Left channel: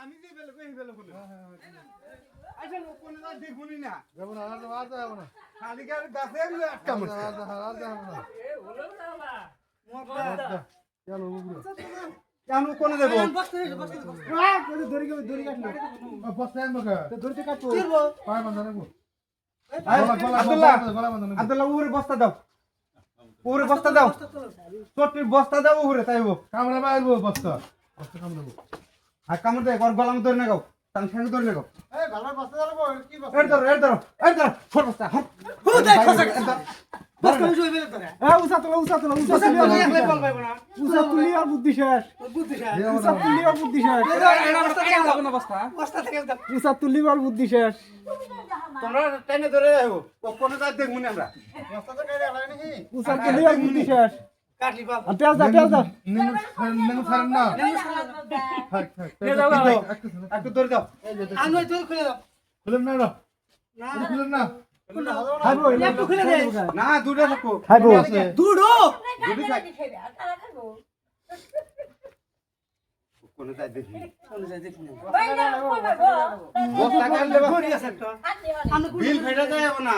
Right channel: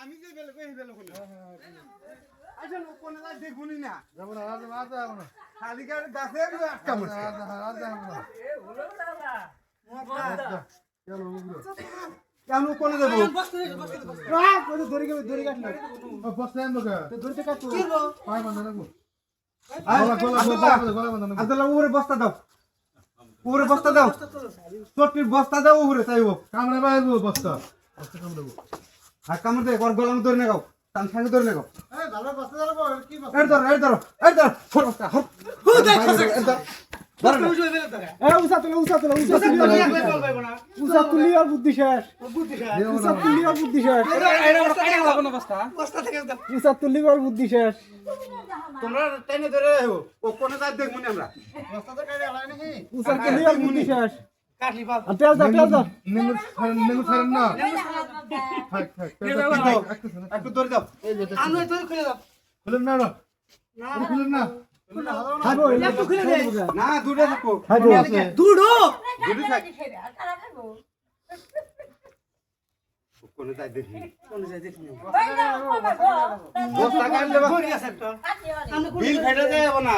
আমি যে বেলে কই বেলে কোন আচ্ছা কোন না দেখুনি না যাব না আর যাব না খালি গাছে আটকা পড়ছে আর যাব না এ হলো না বা চলো উগলো কেন কোন দেব বস্তা কই দড়ি কাটলো বস্তা আনবো কা তো দড়িতে কাটবো পায় বন্ধ রাখবো আব্দুল্লাহ গলা বন্ধ রাখবো আব্দুল্লাহ ওরে বস্তা দাও ওরে বস্তা দাও চট্টির বস্তা দাও ওরে তাইবো কামড়ে বাইরবো বস্তা বস্তা কাম দেবো আর কামড় দে ওর গলাম ধরে লাগাও টান খালি ধরে লাগাও এই ভালো বস্তা ধরবো কি বস্তা এর ধরো ছোট বস্তা হট বস্তা উঠে বেলে তো উসা তুলি আর বুদ্ধি শেষ উসা তুলি আর বুদ্ধি শেষ বস্তা থেকে উসা তুলি আর বুদ্ধি শেষ তোমরা টেনে ধরে রাখো ও কোন জায়গা দেখুনি আমরা বস্তা তো কাইরে আলাই নাকি উসা তুলি আর বুদ্ধি শেষ কাটলি বাপ আর তেল দাও নেমু ছাড়েন না থাক থাক একটু ধরে দাও আমি তুই খুলে দাও খুলেন না খুলেন না খাইবো একটু খুলে দে না দুটো থাকো খাইবো দুটো দুটো থাক কোন জায়গা দেখি কোন যায় দেখুন বস্তা কাটলে ভরি আছে তো বিল ফেটে যায় না